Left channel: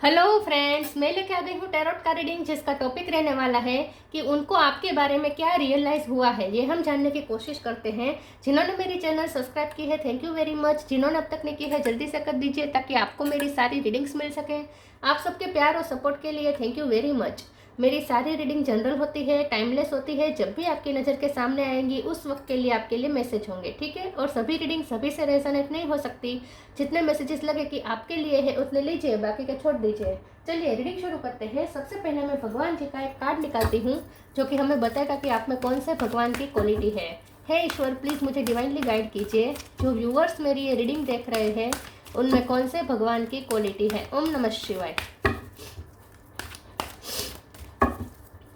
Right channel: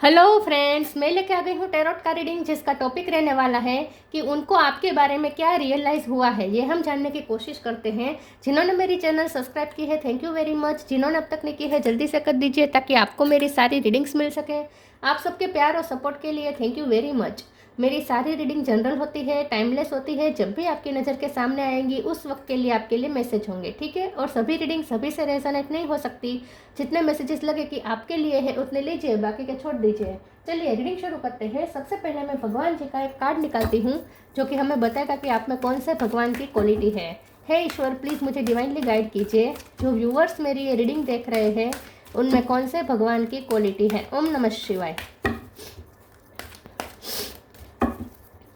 Hello friends, मैं लेके आ गई हूँ टैरोट का रीडिंग, जिसका टॉपिक रहने वाला है कि उनको आपके बारे में क्या रियलाइज़ हुआ है। ये हम जानने की कोशिश करते हैं। जिन्होंने मेरी चैनल सब्सक्राइब की है, थैंक यू वेरी मच। जिन्होंने अब तक नहीं की है, जल्दी से कर दीजिए ताकि आपको मेरी सारी रीडिंग्स मिल सकें। आप सबके प्यार और सपोर्ट के लिए थैंक यू वेरी मच। मेरी सारी रीडिंग जनरल होती है, टाइमलेस होती है। जब भी आपकी नज़र के सामने आएंगी उस वक्त के लिए आपके लिए मैसेज होंगे, ठीक है। और सभी रीडिंग सभी से रेजोनेट नहीं हो सकती। जितने मैसेजेस लगे कि आपके लिए है उतने लीजिए, बाकी के छोड़ दीजिए। चलिए रीडिंग शुरू करते हैं। सबसे पहले मैं भगवान जी का एक कार्ड निकालती हूँ जो कि हमें बताएगा कि आप में कौन से भगवान की क्वालिटी है। हे ईश्वर, प्लीज़ मुझे डिवाइनली गाइड कीजिए। जो व्यूअर्स मेरी ये रीडिंग देख रहे हैं उनमें कौन से भगवान की क्वालिटी है। ओम नमः शिवाय।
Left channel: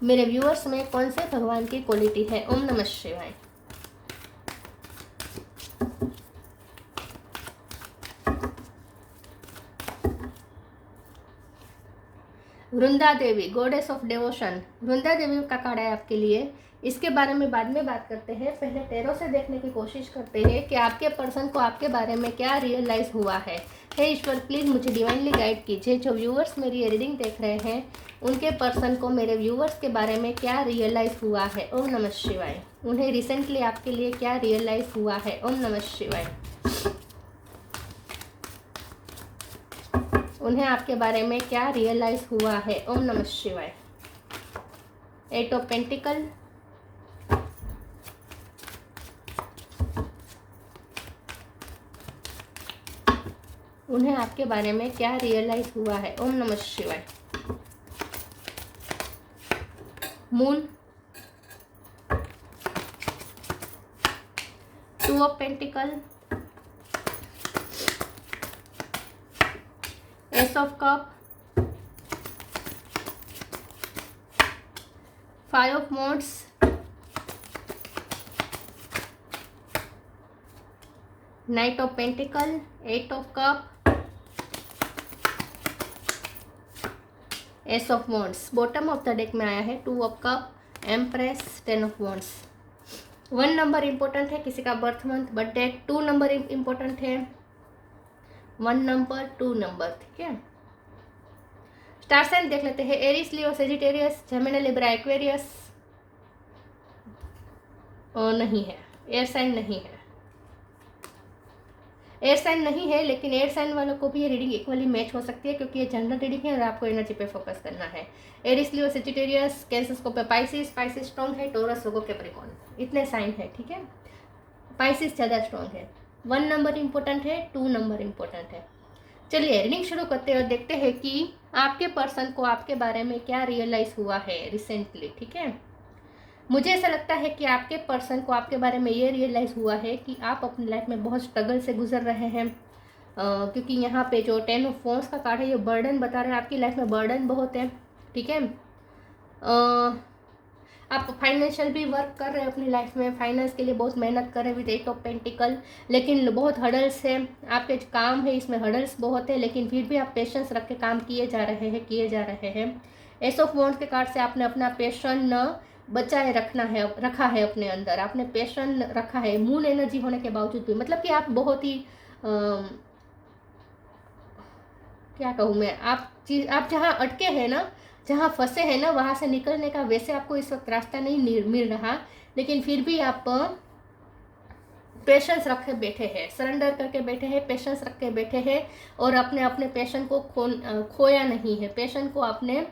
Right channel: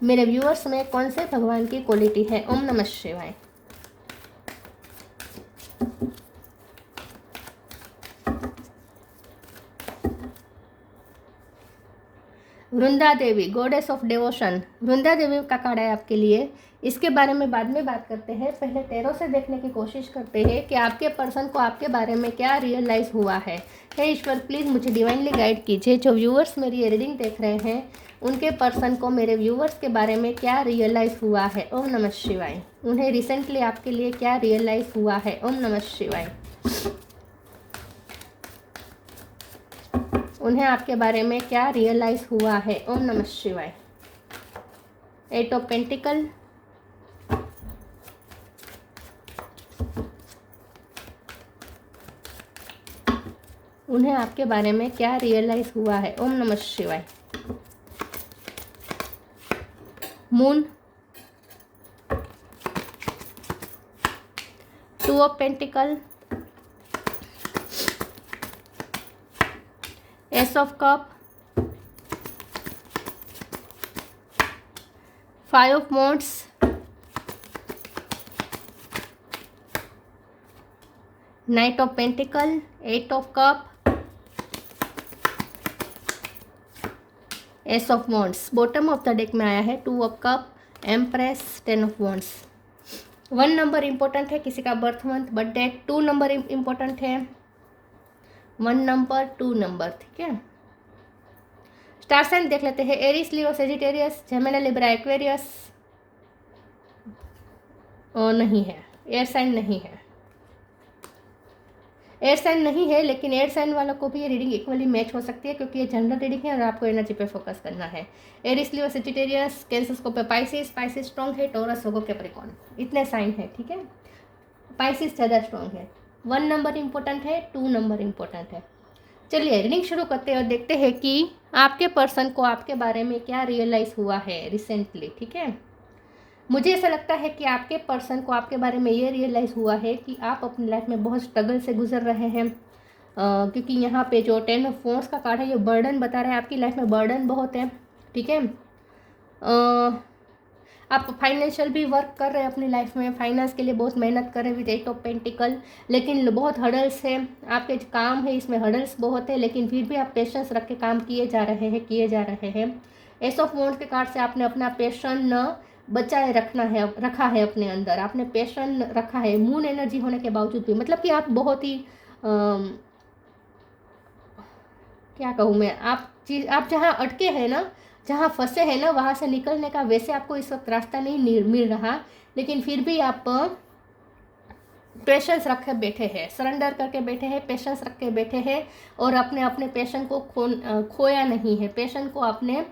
मेरे व्यूअर्स में कौन से भगवान की क्वालिटी है। ओम नमः शिवाय। वृंदा Devi, goddess of devotion. Vrinda Devi का कार्ड है आपके लिए। इसके बारे में बाद में बात करते हैं। पहले टैरो से देखने की कोशिश करते हैं कि आपके पर्सन को आपके बारे में क्या रियलाइज हुआ है। हे ईश्वर, प्लीज़ मुझे डिवाइनली गाइड कीजिए। जो व्यूअर्स मेरी ये रीडिंग देख रहे हैं उनके पर्सन को मेरे व्यूअर्स के बारे में क्या रियलाइज हुआ है। ओम नमः शिवाय। उन्हें रिसेंटली आपके लिए क्या रियलाइज हुआ है। ओम नमः शिवाय। उन्हें आपके बारे में क्या रियलाइज हुआ है। ओम नमः शिवाय। एट ऑफ पेंटिकल, उन्हें आपके बारे में क्या रियलाइज हुआ है। ओम नमः शिवाय। Moon, two of pentacle, ace of cup, five of wands, knight of pentacle, eight of cup, ace of wands। Bottom of the deck में आया है two of cup, empress, ten of wands। 1 number important है, किसी का birth month birth date. 2 number important है, 1 number 2 number, ठीक है। Star sign देख लेते हैं। एरिस, लियो, सेजिटेरियस, जेमिनी, लिब्रा, एक्वेरियस। नहीं है, एयर साइन नहीं है। एयर साइन नहीं है, लेकिन एयर साइन वालों को भी ये रीडिंग इक्वली मैच हो सकती है क्योंकि ये जनरल रीडिंग है और आपको एनर्जी पे फोकस करना है। एरिस, लियो, सेजिटेरियस, कैंसर को पे पाइसिस, पाइसिस स्ट्रॉन्ग है। टोरस, लोगो, कैप्रिकॉर्न, इतने साइन है, ठीक है। पाइसिस ज़्यादा स्ट्रॉन्ग है। 1 नंबर इंपॉर्टेंट है, 2 नंबर इंपॉर्टेंट है। चलिए रीडिंग शुरू करते हुए देखते हैं कि आपके पर्सन को आपके बारे में क्या रियलाइज हुआ है रिसेंटली, ठीक है। मुझे ऐसा लगता है कि आपके पर्सन को आपके बारे में ये रियलाइज़ हुआ है कि आप अपनी लाइफ में बहुत स्ट्रगल से गुजर रहे हैं। क्योंकि यहाँ पे जो 10 ऑफ wands का कार्ड है ये बर्डन बता रहा है। आपकी लाइफ में बर्डन बहुत है, ठीक है। आप फाइनेंशियल भी वर्क कर रहे हैं अपनी लाइफ में, फाइनेंस के लिए बहुत मेहनत कर रहे हैं विद 8 ऑफ पेंटिकल, लेकिन बहुत हर्डल्स है। आपके जो काम है इसमें हर्डल्स बहुत है, लेकिन फिर भी आप पेशेंस रख के काम किए जा रहे हैं। एस ऑफ wands के कार्ड से आपने अपना पेशन बचाए रखा है अपने अंदर। आपने पैशन रखा है मून एनर्जी होने के बावजूद भी। मतलब कि आप बहुत ही क्या कहूँ मैं, आप जहाँ अटके हैं ना, जहाँ फंसे हैं ना, वहाँ से निकलने का वैसे आपको इस वक्त रास्ता नहीं मिल रहा, लेकिन फिर भी आप पेशेंस रख के बैठे हैं, सरेंडर करके बैठे हैं, पेशेंस रख के बैठे हैं और अपने अपने पैशन को खोया नहीं है। पैशन को आपने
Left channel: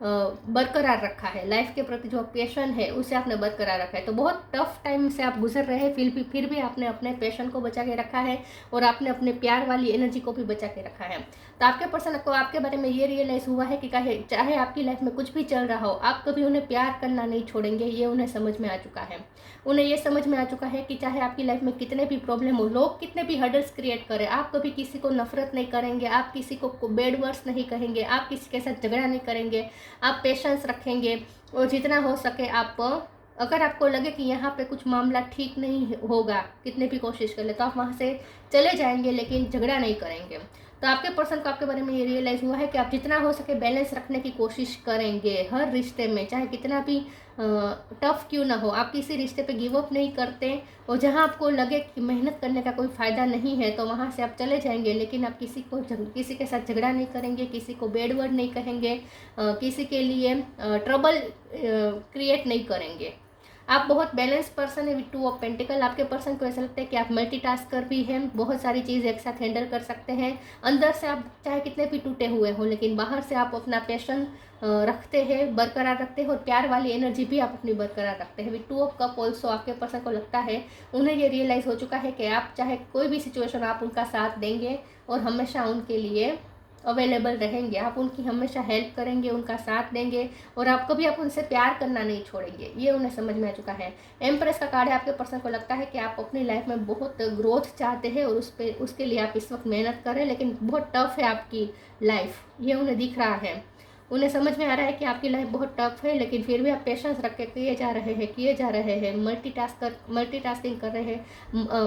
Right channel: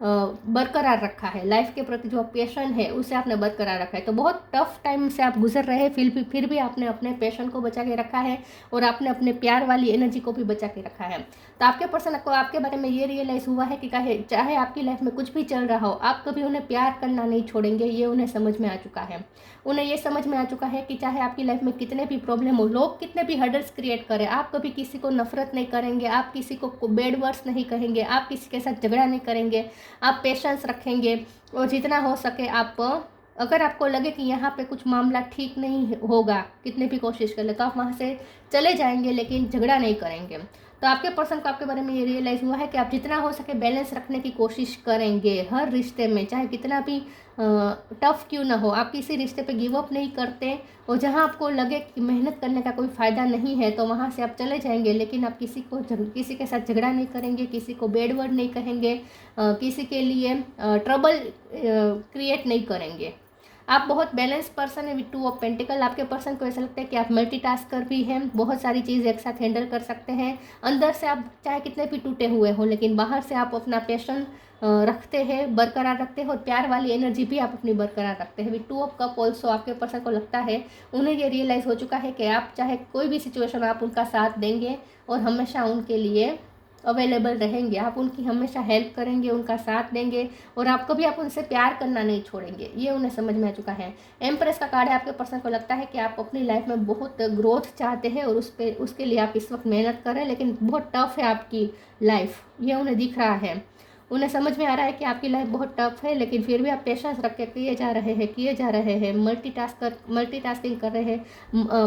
बरकरार रखा है। लाइफ के प्रति जो पैशन है उसे आपने बरकरार रखा है। तो बहुत टफ टाइम से आप गुजर रहे हैं, फिर भी आपने अपने पैशन को बचा के रखा है और आपने अपने प्यार वाली एनर्जी को भी बचा के रखा है। तो आपके पर्सन को आपके बारे में ये रियलाइज़ हुआ है कि चाहे आपकी लाइफ में कुछ भी चल रहा हो, आप कभी उन्हें प्यार करना नहीं छोड़ेंगे। ये उन्हें समझ में आ चुका है। उन्हें ये समझ में आ चुका है कि चाहे आपकी लाइफ में कितने भी प्रॉब्लम हो, लोग कितने भी हर्डल्स क्रिएट करें, आप कभी किसी को नफरत नहीं करेंगे, आप किसी को बैड वर्ड्स नहीं कहेंगे, आप किसी के साथ झगड़ा नहीं करेंगे, आप पेशेंस रखेंगे और जितना हो सके आप, अगर आपको लगे कि यहाँ पे कुछ मामला ठीक नहीं होगा, कितने भी कोशिश कर ले, तो आप वहाँ से चले जाएंगे, लेकिन झगड़ा नहीं करेंगे। तो आपके पर्सन को आपके बारे में ये रियलाइज़ हुआ है कि आप जितना हो सके बैलेंस रखने की कोशिश करेंगे हर रिश्ते में, चाहे कितना भी टफ क्यों ना हो। आप किसी रिश्ते पे गिव अप नहीं करते, और जहाँ आपको लगे कि मेहनत करने का कोई फ़ायदा नहीं है तो वहाँ से आप चले जाएंगे, लेकिन आप किसी के साथ झगड़ा नहीं करेंगे, किसी को बैड वर्ड नहीं कहेंगे, किसी के लिए ट्रबल क्रिएट नहीं करेंगे। आप बहुत बैलेंस पर्सन है विद 2 ऑफ पेंटिकल। आपके पर्सन को ऐसा लगता है कि आप मल्टीटास्कर भी हैं, बहुत सारी चीज़ एक साथ हैंडल कर सकते हैं। अंदर से आप चाहे कितने भी टूटे हुए हो, लेकिन बाहर से आप अपना पैशन रखते हैं, बरकरार रखते हैं, और प्यार वाली एनर्जी भी आप अपनी बरकरार रखते हैं। विद 2 ऑफ कप ऑल्सो आपके पर्सन को लगता है, उन्हें ये रियलाइज़ हो चुका है कि आप चाहे कोई भी सिचुएशन आप उनका साथ देंगे और हमेशा उनके लिए अवेलेबल रहेंगे। आप उनकी हमेशा हेल्प करेंगे, उनका साथ देंगे, और आप कभी आप उनसे प्यार करना नहीं छोड़ेंगे। ये उन्हें समझ में आ चुका है। एम्प्रेस का कार्ड है। आपके पर्सन को लगता है कि आप अपनी लाइफ में बहुत ग्रोथ चाहते हैं और उसके लिए आप इस वक्त मेहनत कर रहे हैं, लेकिन बहुत टफ है आपकी लाइफ, ये उन्हें दिख रहा है। उन्हें समझ में आ रहा है कि आपकी लाइफ बहुत टफ है, लेकिन फिर भी आप पेशेंस रख के किए जा रहे हैं, मल्टीटास्किंग कर रहे हैं।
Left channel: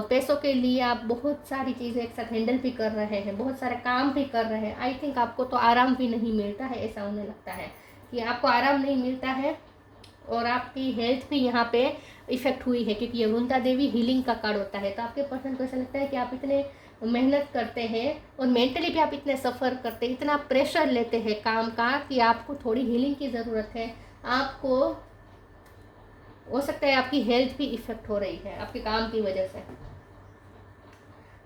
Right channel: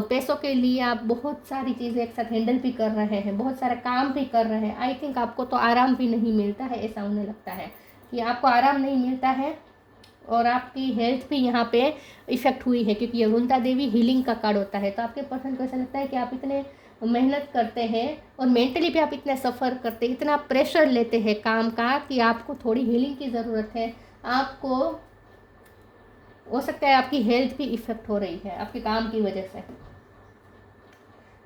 पैसों के लिए आप बहुत सारी चीज़ें एक साथ हैंडल भी कर रहे हैं, बहुत सारे काम भी कर रहे हैं। आई थिंक आपको तो आराम भी नहीं मिलता है, ऐसा उन्हें लगता है कि आपको आराम नहीं मिलता है, और आपकी हेल्थ भी यहाँ पे इफ़ेक्ट हुई है, क्योंकि ये वरुणा देवी हीलिंग का कार्ड होता है। तो आपके पर्सन को ऐसा लगता है कि आप इतने मेहनत करते हैं और मेंटली भी आप इतने सफ़र करते हैं, इतना प्रेशर लेते हैं काम का, कि आपको थोड़ी हीलिंग की ज़रूरत है। आपको हो सकता है आपकी हेल्थ भी इफ़ेक्ट हो रही है आपके काम की वजह से,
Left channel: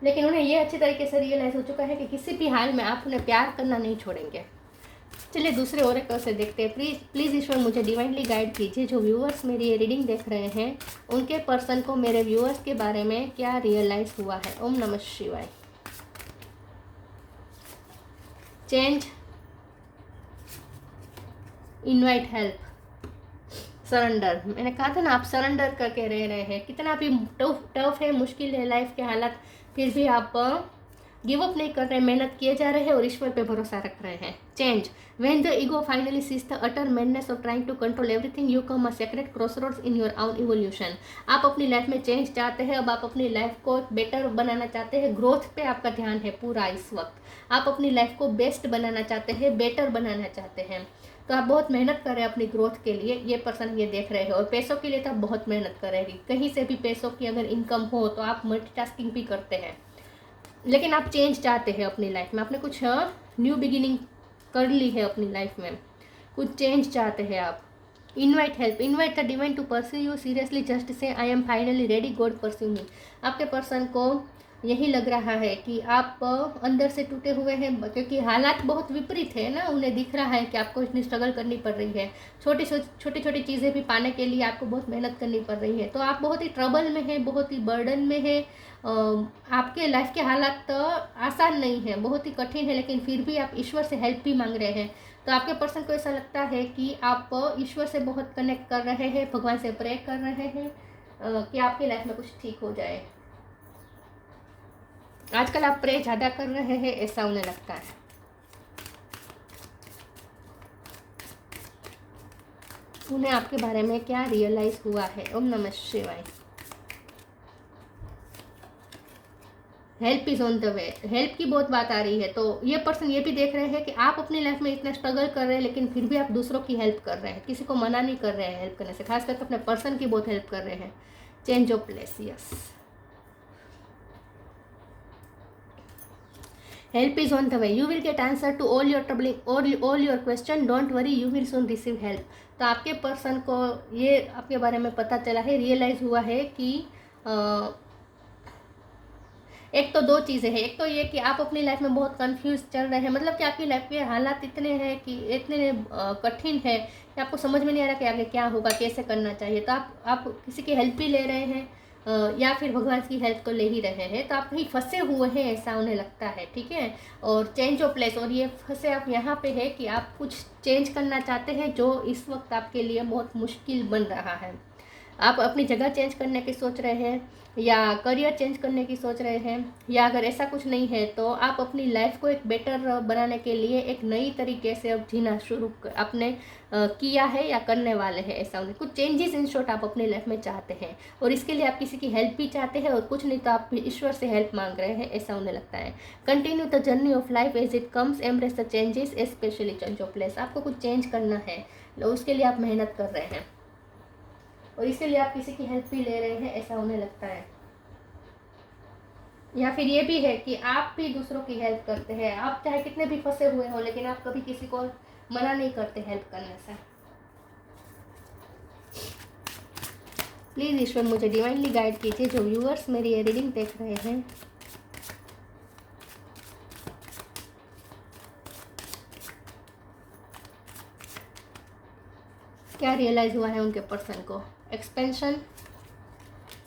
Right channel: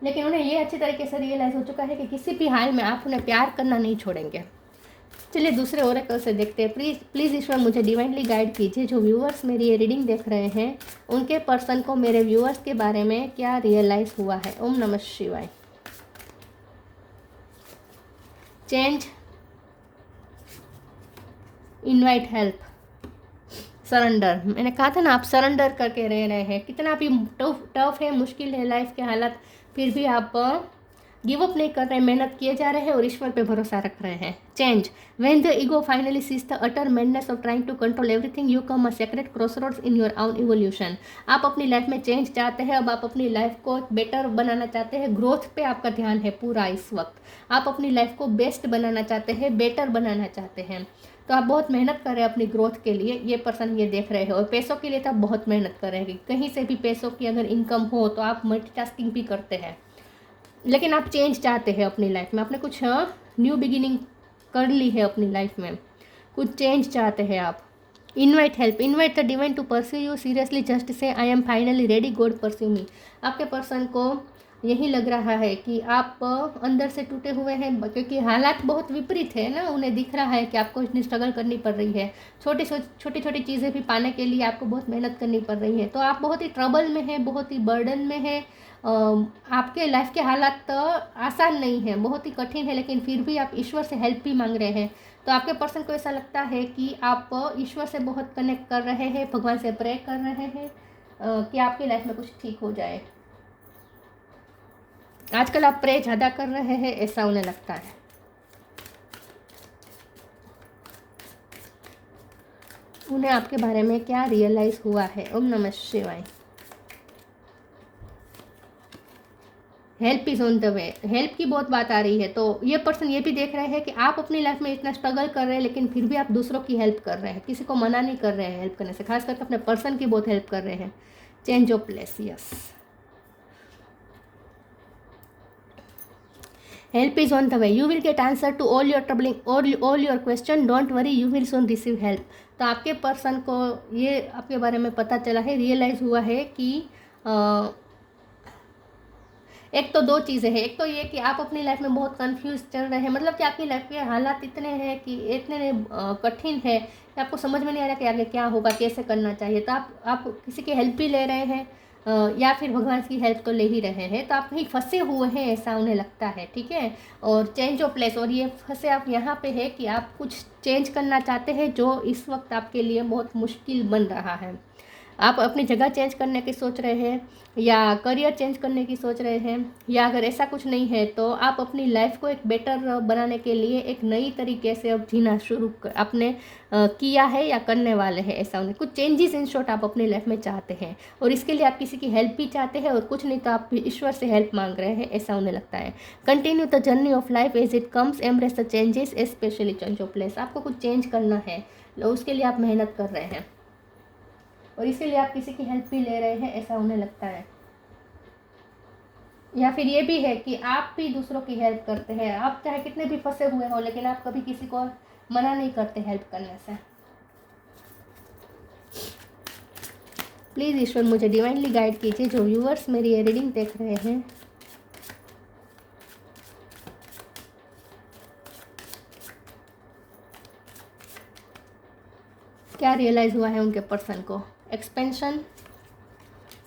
लेकिन उन्हें ये अच्छी तरीके से रियलाइज़ हो चुका है कि किसी भी हाल में आप उन्हें प्यार करना नहीं छोड़ेंगे। चलिए दूसरे ओरेकल से देखते हैं। प्लीज़ ईश्वर मुझे डिवाइनली गाइड कीजिए। जो व्यूअर्स मेरी ये रीडिंग देख रहे हैं, उनके पर्सन को मेरे व्यूअर्स के बारे में क्या रियलाइज़ हुआ है। ओम नमः शिवाय। Change, invite help, surrender. मैंने कहा था ना, आप सरेंडर करके रह रहे हैं। कितना भी टफ है, मुश्किल है लाइफ के हालात, फिर भी आप गिव अप नहीं कर रहे, मेहनत किए जा रहे हैं और ईश्वर पे भरोसा रख रहे हैं। Change, when the ego finally cease the utter madness of trying to control everything, you come a sacred crossroads in your own evolution. आप अपनी लाइफ में चेंज चाहते हैं, अब आप अपनी लाइफ को बेटर बनाना चाहते हैं। ग्रोथ पे आपका ध्यान है पूरा इस वक्त। आप अपनी लाइफ को बेस्ट बनाना चाहते हैं, बेटर बनाना चाहते हैं। तो आप बहुत मेहनत कर रहे हैं अपनी ग्रोथ के लिए, ये पर्सन ये देख रहे हो। और पैसों के लिए तो आप बहुत मेहनत करेंगे। कहीं से भी पैसों की अगर इनकम हो तो आप मल्टीटास्किंग भी करते हैं, लेकिन आप चेंज चाहते हैं अपनी लाइफ में। आपने कुछ न्यू बिगिनिंग कर ली है अपनी लाइफ में, कुछ चेंज चाहते हैं आप। Invite help, invite the divine to pursue you seriously, just say I am finally ready, God pursue me. आपके पर्सन को यही लग रहा है कि आप अंदर से टूटे हुए हैं, क्योंकि हालात बहुत विपरीत है ना। उन्हें दिख रहा है कि आपको इतनी स्ट्रगल करनी पड़ रही है, छोटी छोटी चीज़ें भी पाने के लिए आपको बहुत मेहनत करनी पड़ रही है। तो आप बहुत ही ट्रबल में हैं, बहुत ही बर्डन में हैं। आपके लाइफ के हालात तो आसान नहीं है, बहुत ही कठिन है, लेकिन फिर भी आप ईश्वर से हेल्प भी मांग रहे हैं। तो आपके पर्सन को ऐसा लगता है कि आप ईश्वर से बहुत कनेक्ट कर रहे हैं, भगवान से प्रे कर रहे हैं कि आपकी लाइफ में कुछ ठीक हो जाए। आजकल आप प्रे ज़्यादा कर रहे हैं, ऐसा उन्हें लगता है। उन्हें आपके बारे में क्या रियलाइज़ हुआ है। ओम नमः शिवाय। Help is on the way, help की बहुत बात आ रही है। तो ये पर्सन ये भी देख रहे हैं कि आप अपनी लाइफ में इतना स्ट्रगल कर रहे हैं, लेकिन फिर भी आप दूसरों की हेल्प कर रहे हैं, किसी को मना नहीं कर रहे हैं हेल्प करने से, खास करके अपने पर्सन की बहुत हेल्प कर रहे हैं। Change of place, yes. Help is on the way, you will get answer to all your troubling all your question, don't worry, you will soon receive help. तो आपके पर्सन को ये आपके बारे में पता चला है, रियलाइज़ हुआ है कि एक तो दो चीज़ें हैं। एक तो ये कि आप अपनी लाइफ में बहुत कंफ्यूज चल रहे हैं, मतलब कि आपकी लाइफ के हालात इतने हैं कि इतने कठिन है कि आपको समझ में नहीं आ रहा कि आगे क्या होगा, कैसे करना चाहिए। तो आप किसी की हेल्प भी ले रहे हैं, या फिर भगवान की हेल्प तो ले ही रहे हैं। तो आप कहीं फंसे हुए हैं, ऐसा उन्हें लगता है, ठीक है। और चेंज ऑफ प्लेस, और ये फंसे आप यहाँ पे है कि आप कुछ चेंज करना चाहते हैं जो इस वक्त आपके लिए बहुत मुश्किल बन रहा है। आप अपनी जगह चेंज करने की सोच रहे हैं या करियर चेंज करने की सोच रहे हैं, या अगर ऐसा कुछ नहीं है तो आप अपनी लाइफ को एक बेटर बनाने के लिए एक नई तरीके से अब जीना शुरू आपने किया है या करने वाले हैं। ऐसा उन्हें कुछ चेंजेस इन शॉर्ट आप अपनी लाइफ में चाहते हैं, और इसके लिए आप किसी की हेल्प भी चाहते हैं, और कुछ नहीं तो आप ईश्वर से हेल्प मांग रहे हैं, ऐसा उन्हें लगता है। Continue the journey of life as it comes, embrace the changes specially change of place. आपको कुछ चेंज करना है, उसके लिए आप मेहनत कर रहे हैं, और इसके लिए आप किसी की हेल्प भी ले रहे हैं, ऐसा उन्हें लगता है। या फिर ये भी है कि आप भी दूसरों की हेल्प करते हैं, आप चाहे कितने भी फंसे हुए हो लेकिन आप कभी किसी को मना नहीं करते हेल्प करने से। प्लीज़ ईश्वर मुझे डिवाइनली गाइड कीजिए, जो व्यूअर्स मेरी ये रीडिंग देख रहे हैं। क्या रियलाइज हुआ है उनके पर्सन को? Expansion,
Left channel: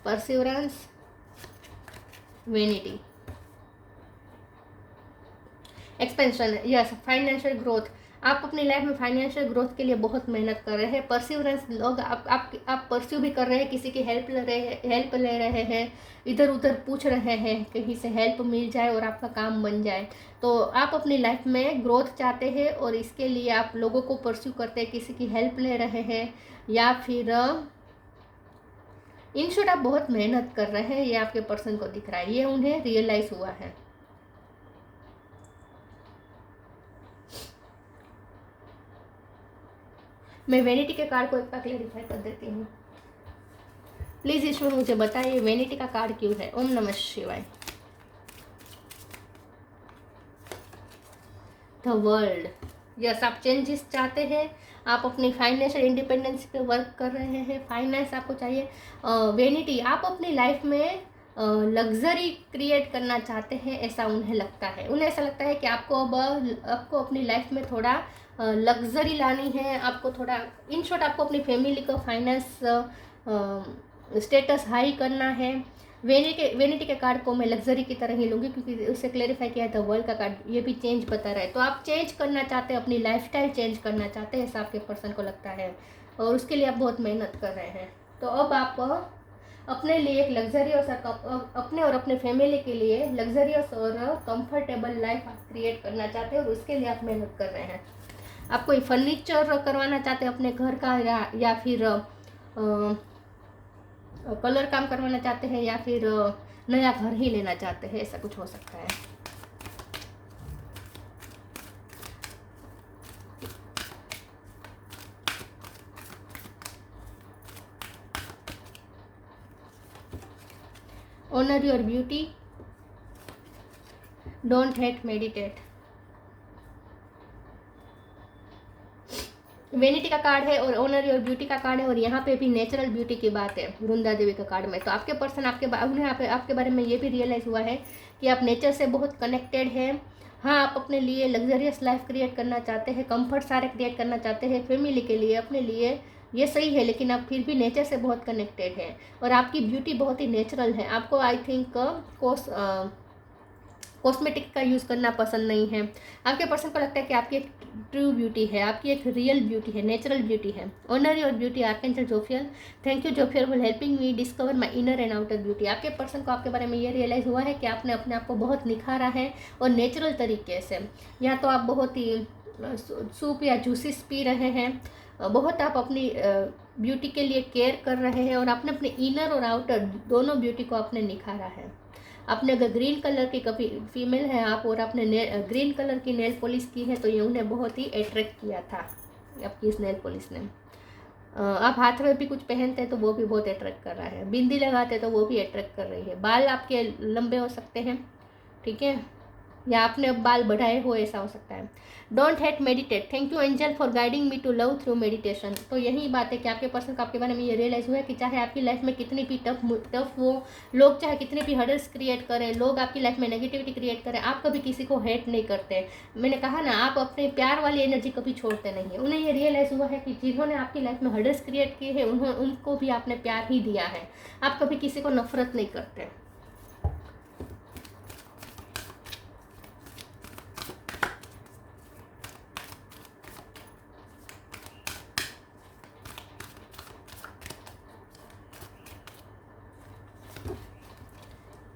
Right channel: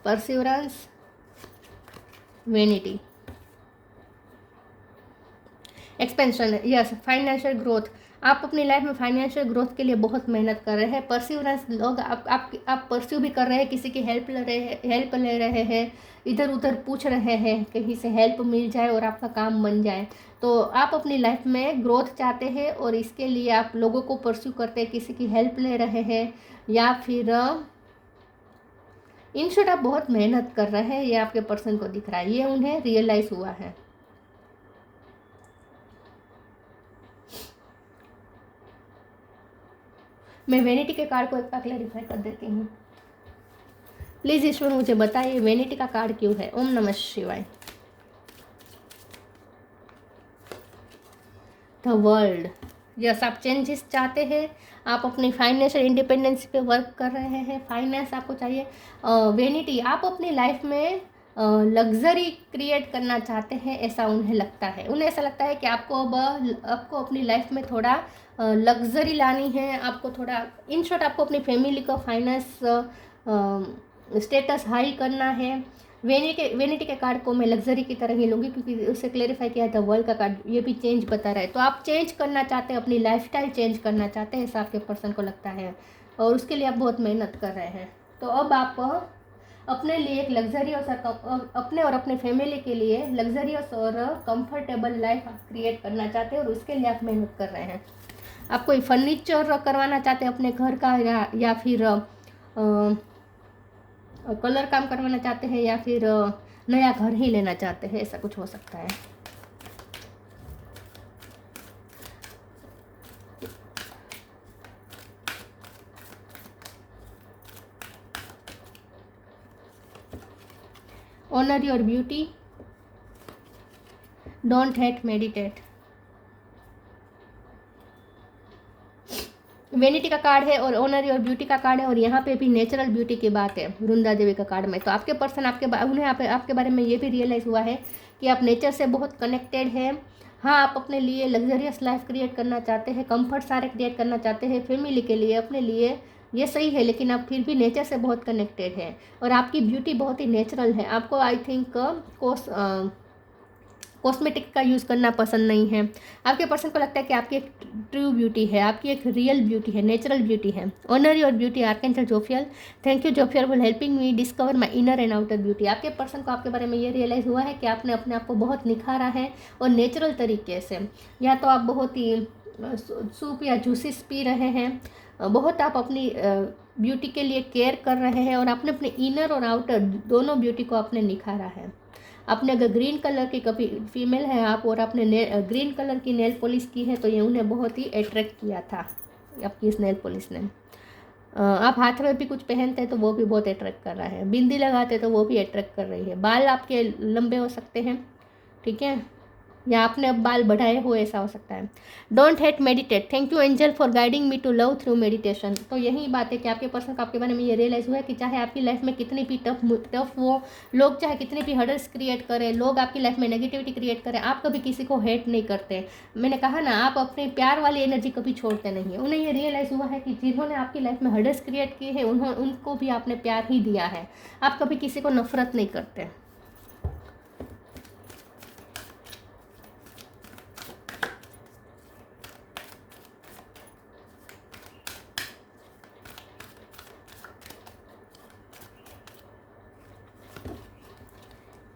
perseverance, vanity. Expansion, yes, financial growth. आप अपनी लाइफ में फाइनेंशियल ग्रोथ के लिए बहुत मेहनत कर रहे हैं। परसिवरेंस, लोग आप परस्यू भी कर रहे हैं, किसी की हेल्प ले रहे हैं, इधर उधर पूछ रहे हैं, कहीं से हेल्प मिल जाए और आपका काम बन जाए। तो आप अपनी लाइफ में ग्रोथ चाहते हैं, और इसके लिए आप लोगों को परस्यू करते हैं, किसी की हेल्प ले रहे हैं, या फिर इन शॉर्ट आप बहुत मेहनत कर रहे हैं। ये आपके पर्सन को दिख रहा है, ये उन्हें रियलाइज हुआ है। मैं वेनिटी के कार्ड को एक बार क्लैरिफाई कर देती हूँ। प्लीज़ ईश्वर मुझे बताइए वेनिटी का कार्ड क्यों है? ओम नमः शिवाय। द वर्ल्ड, यस, आप चेंजेस चाहते हैं, आप अपनी फाइनेंशियल इंडिपेंडेंस पे वर्क कर रहे हैं, फाइनेंस आपको चाहिए। वेनिटी, आप अपनी लाइफ में लग्जरी क्रिएट करना चाहते हैं, ऐसा उन्हें लगता है। उन्हें ऐसा लगता है कि आपको अपनी लाइफ में थोड़ा लग्जरी लानी है, आपको थोड़ा, इन शॉर्ट आपको अपनी फैमिली को फाइनेंस स्टेटस हाई करना है। वेनिटी के कार्ड को मैं लग्जरी की तरह ही लूँगी, क्योंकि उसे क्लेरिफाई किया था वर्ल्ड का कार्ड, ये भी चेंज बता रहा है। तो आप चेंज करना चाहते हैं, अपनी लाइफस्टाइल चेंज करना चाहते हैं, ऐसा आपके पर्सन को लगता है, और उसके लिए आप बहुत मेहनत कर रहे हैं। तो अब आप अपने लिए एक लग्जरियस अपने और अपने फैमिली के लिए लग्जरियस और कंफर्टेबल लाइफ आप क्रिएट करना चाहते हैं, और उसके लिए आप मेहनत कर रहे हैं। आप कोई फर्नीचर करवाना चाहते हैं अपने घर का, या फिर कलर काम करवाना चाहते हैं, या फिर नया घर ही लेना चाहते हैं, ऐसा कुछ हो सकता है। Honour your beauty, don't hate, meditate. Vanity का कार्ड है और ऑनर योर ब्यूटी का कार्ड है, और यहाँ पे भी नेचुरल ब्यूटी की बात है वृंदा देवी का कार्ड में। तो आपके पर्सन उन्हें आपके बारे में ये भी रियलाइज़ हुआ है कि आप नेचर से बहुत कनेक्टेड हैं। हाँ, आप अपने लिए लग्जरियस लाइफ क्रिएट करना चाहते हैं, कंफर्ट सारे क्रिएट करना चाहते हैं, फैमिली के लिए, अपने लिए, ये सही है, लेकिन आप फिर भी नेचर से बहुत कनेक्टेड हैं, और आपकी ब्यूटी बहुत ही नेचुरल है। आपको आई थिंक कॉस्मेटिक का यूज़ करना पसंद नहीं है। आपके पर्सन को लगता है कि आपकी एक ट्रू ब्यूटी है, आपकी एक रियल ब्यूटी है, नेचुरल ब्यूटी है। Honour your beauty, archangel Jophiel. Thank you Jophiel for helping me discover my inner and outer beauty. आपके पर्सन को आपके बारे में ये रियलाइज़ हुआ है कि आपने अपने आप को बहुत निखारा है, और नेचुरल तरीके से। या तो आप बहुत ही सूप या जूसेस पी रहे हैं, बहुत आप अपनी ब्यूटी के लिए केयर कर रहे हैं, और आपने अपने इनर और आउटर दोनों ब्यूटी को आपने निखारा है। आपने अगर ग्रीन कलर की, कभी फीमेल है आप और आपने ग्रीन कलर की नेल पॉलिश की है, तो ये उन्हें बहुत ही अट्रैक्ट किया था आपकी इस नेल पॉलिश ने। आप हाथ में भी कुछ पहनते हैं तो वो भी बहुत अट्रैक्ट कर रहा है, बिंदी लगाते तो वो भी अट्रैक्ट कर रही है, बाल आपके लंबे हो सकते हैं, ठीक है, या आपने अब बाल बढ़ाए हुए, ऐसा हो सकता है। Don't hate, meditate. Thank you angel for guiding me to love through meditation. तो यही बात है कि आपके पर्सन को आपके बारे में ये रियलाइज़ हुआ है कि चाहे आपकी लाइफ में कितनी भी टफ हो, लोग चाहे कितने भी हर्डल्स क्रिएट करें, लोग आपकी लाइफ में नेगेटिविटी क्रिएट करें, आप कभी किसी को हेट नहीं करते। मैंने कहा ना, आप अपने प्यार वाली एनर्जी कभी छोड़ते नहीं है। उन्हें ये रियलाइज़ हुआ है कि जिन्होंने आपकी लाइफ में हर्डल्स क्रिएट किए हैं, उनको भी आपने प्यार ही दिया है। आप कभी किसी को नफरत नहीं करते।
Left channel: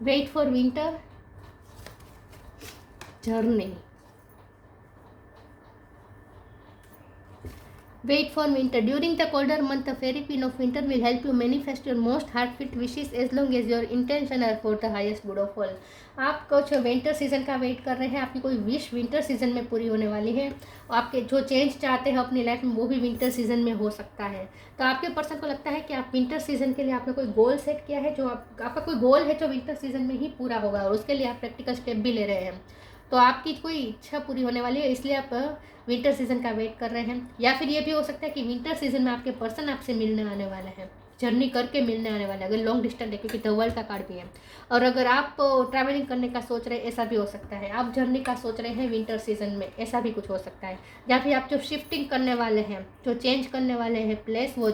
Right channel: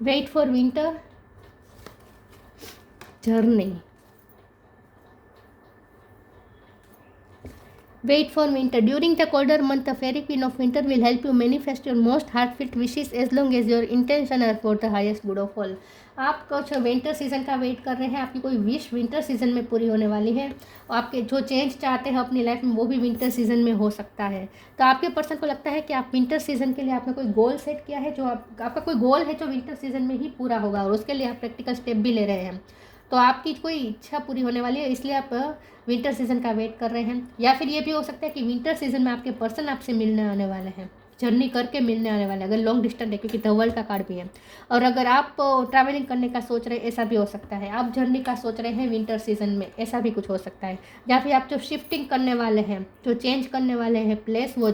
Wait for winter, journey. Wait for winter. During the colder month, the fairy queen of winter will help you manifest your most heartfelt wishes as long as your intention are for the highest good of all. आप कुछ winter season का wait कर रहे हैं, आपकी कोई wish winter season में पूरी होने वाली है। आपके जो चेंज चाहते हैं अपनी लाइफ में वो भी विंटर सीजन में हो सकता है। तो आपके पर्सन को लगता है कि आप विंटर सीजन के लिए आपने कोई गोल सेट किया है, जो आपका कोई गोल है जो विंटर सीजन में ही पूरा होगा, और उसके लिए आप प्रैक्टिकल स्टेप भी ले रहे हैं। तो आपकी कोई इच्छा पूरी होने वाली है, इसलिए आप विंटर सीजन का वेट कर रहे हैं। या फिर ये भी हो सकता है कि विंटर सीजन में आपके पर्सन आपसे मिलने आने वाले हैं, जर्नी करके मिलने आने वाले हैं, अगर लॉन्ग डिस्टेंस है, क्योंकि द वर्ल्ड का कार्ड भी है। और अगर आप ट्रैवलिंग करने का सोच रहे हैं, ऐसा भी हो सकता है। आप जर्नी का सोच रहे हैं विंटर सीजन में, ऐसा भी कुछ हो सकता है। या फिर आप जो शिफ्टिंग करने वाले हैं, जो चेंज करने वाले हैं प्लेस, वो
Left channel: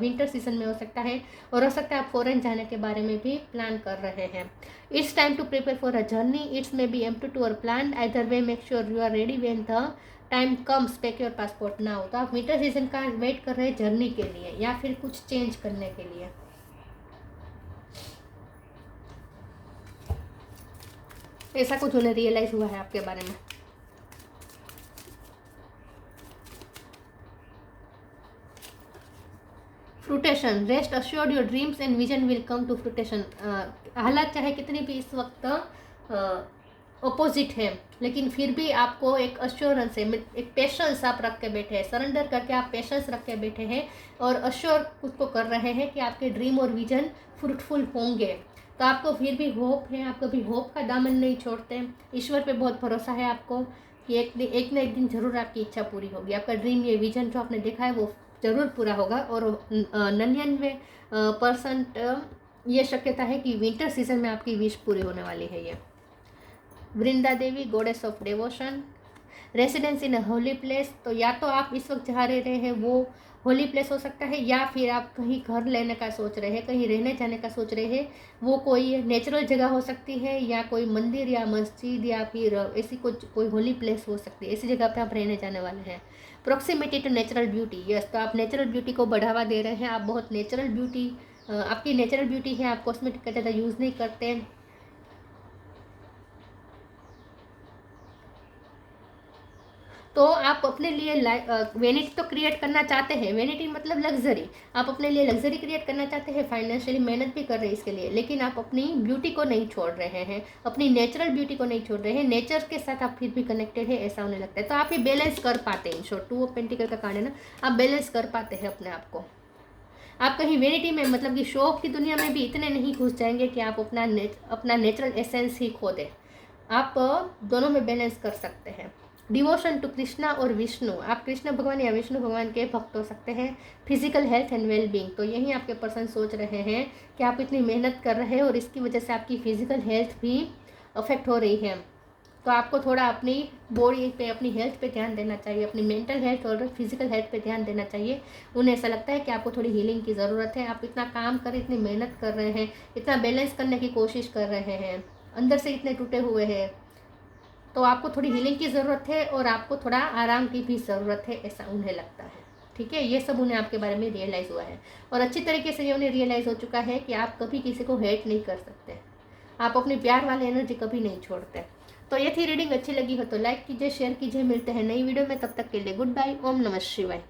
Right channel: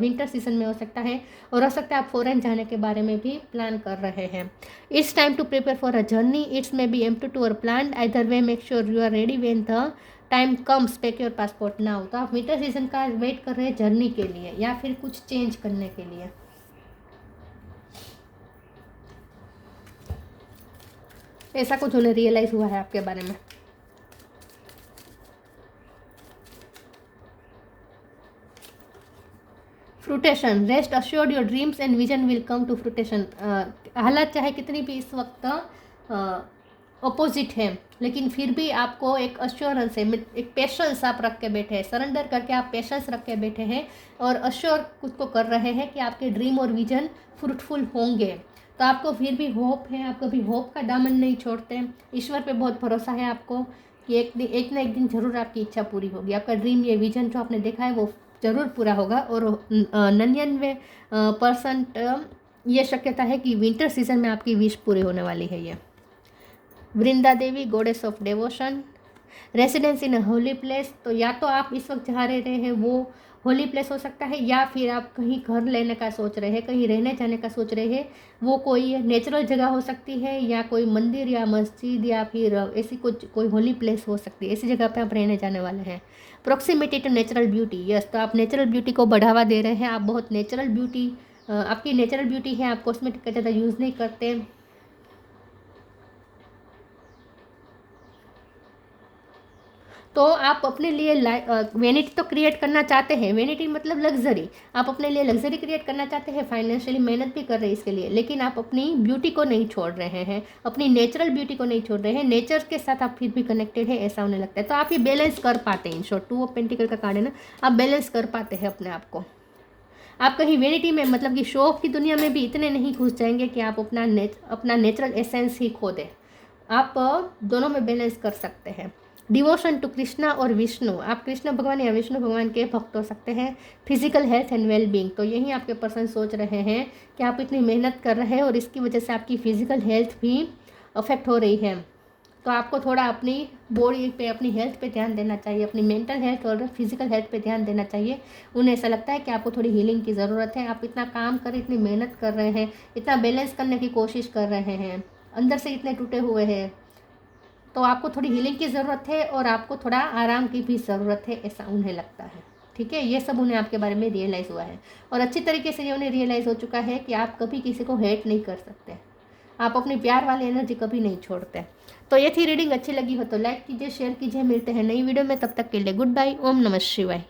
विंटर सीजन में हो सकता है। और हो सकता है आप फॉरेन जाने के बारे में भी प्लान कर रहे हैं। It's time to prepare for a journey, it's may be empty to or plan, either way make sure you are ready when the time comes, take your passport now. तो आप विंटर सीजन का wait कर रहे हैं journey के लिए या फिर कुछ चेंज करने के लिए। ऐसा कुछ उन्हें रियलाइज हुआ है आपके बारे में। Fruition, rest assured your dreams and vision will come to fruition. हालात चाहे कितनी भी इस वक्त अपोजिट है, लेकिन फिर भी आपको एक अश्योरेंस है, एक पेशेंस आप रख के बैठे हैं, सरेंडर करके आप पेशेंस रख के बैठे हैं और अश्योर खुद को कर रहे हैं कि आपके ड्रीम और विजन फ्रूटफुल होंगे। तो आपको फिर भी होप है, आप कभी होप का दामन नहीं छोड़ते। ईश्वर पे बहुत भरोसा है आपको कि एक ना एक दिन जरूर आपकी इच्छा पूरी होगी। आपका ड्रीम, ये विजन जो आपने देखा है वो जरूर पूरा होगा। और 99% ये शक्यता है कि विंटर सीजन में आपकी विश पूरी होने वाली है। ये Vrinda Devi, goddess of devotion, residence in a holy place. तो या तो आप इस वक्त जहाँ रह रहे हैं वो होली प्लेस हो सकता है, या फिर आप कहीं घर लेने का सोच रहे हैं, कहीं रहने जाने का सोच रहे हैं। वो कोई नेचुरल जगह हो सकती है, या कोई मंदिर या मस्जिद, या फिर ऐसी कुछ कोई होली प्लेस हो सकती है। ऐसी जगह पे आप रहने जाने वाले हैं। Proximity to natural beauty, yes, तो आप नेचुरल ब्यूटी को बढ़ावा दे रहे हैं। आप बहुत नेचुरल ब्यूटी, आपकी नेचुरल ब्यूटी है, आप कॉस्मेटिक का ज़्यादा यूज़ नहीं करते। तो आप अपने लिए वेनिटी तो क्रिएट करना चाहते हैं। वेनिटी मतलब लग्जरी, आप अपने लिए लग्जरी क्रिएट करना चाहते हैं, फाइनेंशियली मेहनत भी कर रहे हैं इसके लिए, लेकिन आप अपनी ब्यूटी को नहीं छोड़ रहे हैं, अपनी नेचुरल ब्यूटी को नहीं छोड़ रहे हैं। नेचर के साथ आप फिर भी कनेक्टेड है, ऐसा उन्हें लगता है। तो आप ये बैलेंस कर पाते हैं। इन शॉर्ट, 2 ऑफ पेंटिकल का कार्ड है ना, आप बैलेंस कर पाते हैं अपने आप को। आप कहीं वेनिटी में, मतलब कि शो ऑफ की दुनिया में भी इतने नहीं घुस जाएंगे कि आप अपना नेचुरल एसेंस ही खो दें। आप दोनों में बैलेंस कर सकते हैं। डिवोशन टू कृष्णा और विष्णु, आप कृष्ण भगवान या विष्णु भगवान के भक्त हो सकते हैं। Physical health and well being, तो यही आपके पर्सन सोच रहे हैं कि आप इतनी मेहनत कर रहे हैं और इसकी वजह से आपकी फिजिकल हेल्थ भी अफेक्ट हो रही है। तो आपको थोड़ा अपनी बॉडी पे, अपनी हेल्थ पे ध्यान देना चाहिए, अपनी मेंटल हेल्थ और फिजिकल हेल्थ पे ध्यान देना चाहिए। उन्हें ऐसा लगता है कि आपको थोड़ी हीलिंग की ज़रूरत है। आप इतना काम कर रहे हैं, इतनी मेहनत कर रहे हैं, इतना बैलेंस करने की कोशिश कर रहे हैं, अंदर से इतने टूटे हुए हैं, तो आपको थोड़ी हीलिंग की ज़रूरत है और आपको थोड़ा आराम की भी ज़रूरत है, ऐसा उन्हें लगता है। ठीक है, ये सब उन्हें आपके बारे में रियलाइज़ हुआ है और अच्छी तरीके से ये उन्हें रियलाइज़ हो चुका है कि आप कभी किसी को हेट नहीं कर सकते, आप अपनी प्यार वाली एनर्जी कभी नहीं छोड़ते। तो ये थी रीडिंग। अच्छी लगी हो तो लाइक कीजिए, शेयर कीजिए। मिलते हैं नई वीडियो में, तब तक के लिए गुड बाय। ओम नमः शिवाय।